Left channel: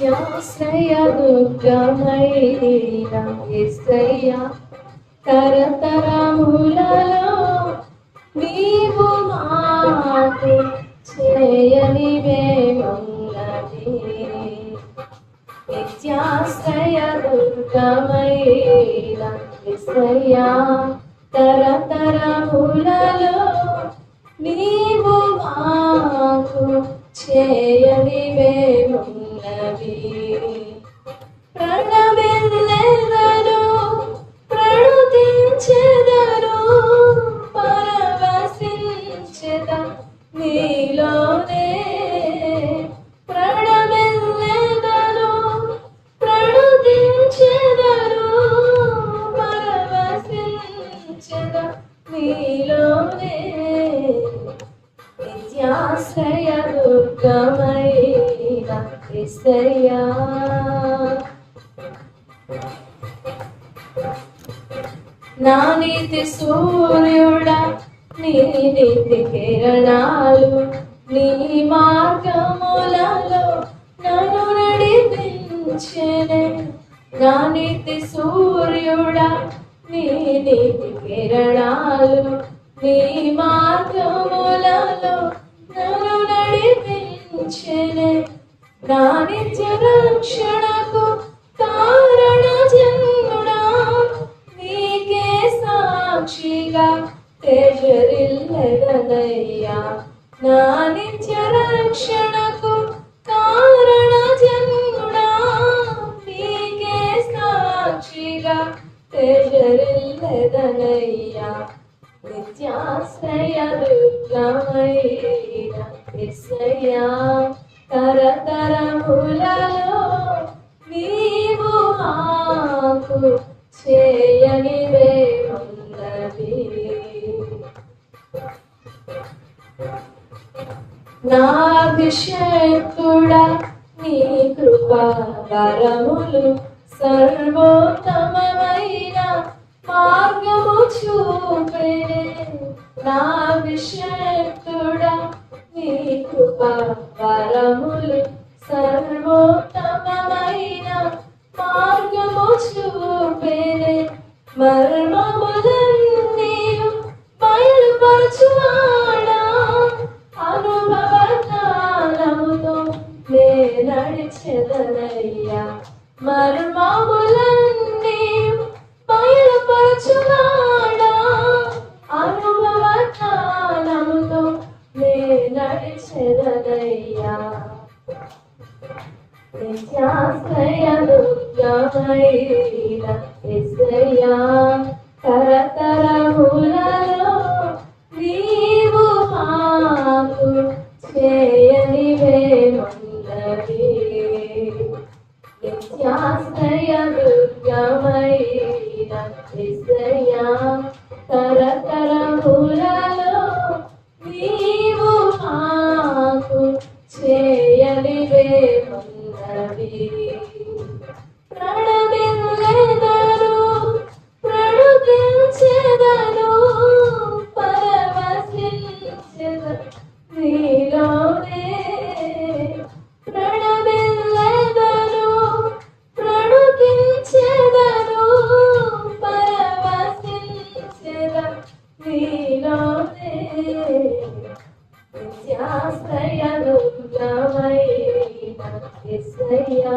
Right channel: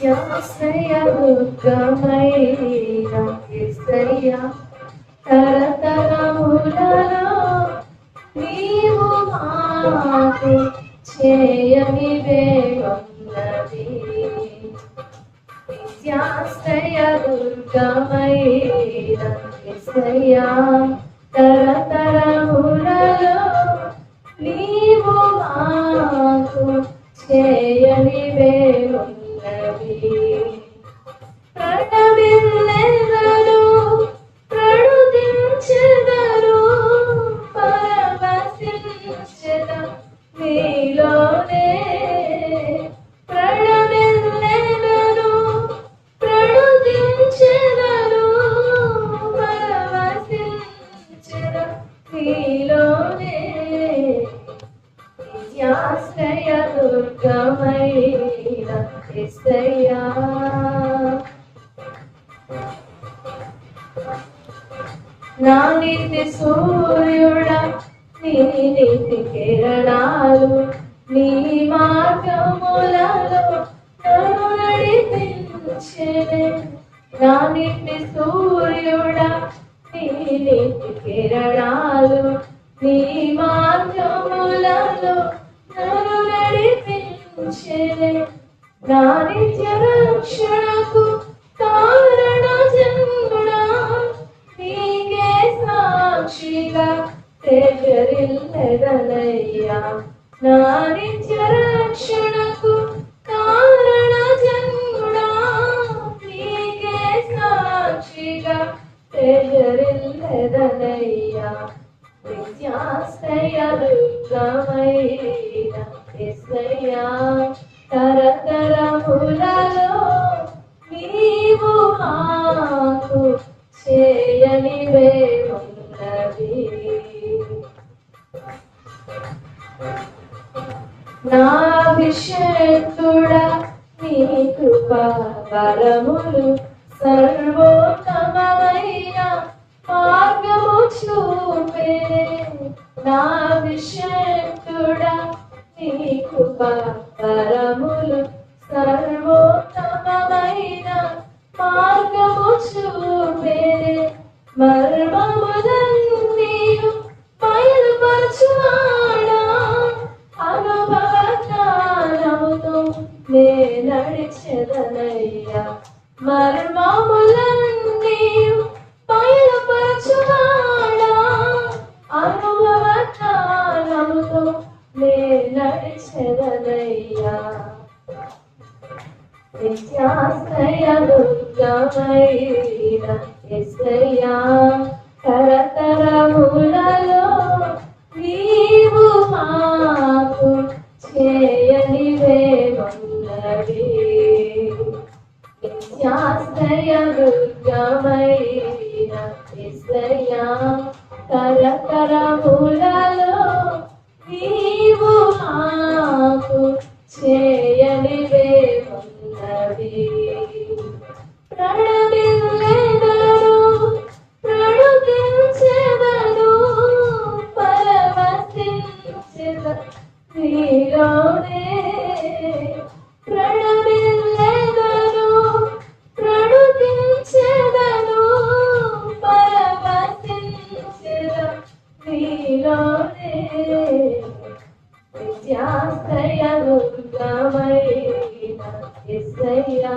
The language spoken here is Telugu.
నిత్యాశ్రయ దుర్గమైన యేసయ్యా తరతరములలో నీవు మాకు చేయనివే ఉన్నది. నిత్యాశ్రయ దుర్గమైన యేసయ్యా తరతరములలో నీవు మాకు చేయనివే ఉన్నది. ప్రణమిల్లెదరు ప్రణుతించెదరు పరవశించెద నీలోనే. ప్రణమిల్లెదరు ప్రణుతించెదరు పరవశించెద నీలోనే. నిత్యాశ్రయ దుర్గమైన యేసయ్యా నా నీతి సూర్యుడా నీ నీతి కిరణాలు నీ మార్గములలో నన్ను నడిపించెనే. నా నీతి సూర్యుడా నీ నీతి కిరణాలు నీ మార్గములలో నన్ను నడిపించెనే. నా నిత్య రక్షణకు కారణ జన్ముడా నీకే సాక్షిగా తేజరిల్లెదనయ్యా. నా నిత్య రక్షణకు కారణ జన్ముడా నీకే సాక్షిగా తేజరిల్లెదనయ్యా. నిత్యాశ్రయ దుర్గమైన యేసయ్యా తరతరములలో నీవు మాకు చేయనివే ఉన్నది. నా అభిషేకుడా నీ కృపా వరములు సర్వోత్తమమైన మార్గము చూపెనే. నా అభిషేకుడా నీ కృపా వరములు సర్వోత్తమమైన మార్గము చూపెనే. మర్మములన్నీయు బయలుపరచువాడా అనుభవ జ్ఞానముతో నే నడిచెదనయ్యా. మర్మములన్నీయు బయలుపరచువాడా అనుభవ జ్ఞానముతో నే నడిచెదనయ్యా. నిత్యాశ్రయ దుర్గమైన యేసయ్యా తరతరములలో నీవు మాకు చేయనివే ఉన్నది. నిత్యాశ్రయ దుర్గమైన యేసయ్యా తరతరములలో నీవు మాకు చేయనివే ఉన్నది. ప్రణమిల్లెదరు ప్రణుతించెదరు పరవశించెద నీలోనే. ప్రణమిల్లెదరు ప్రణుతించెదరు పరవశించెద నీలోనే. నిత్యాశ్రయ దుర్గమైన యేసయ్యా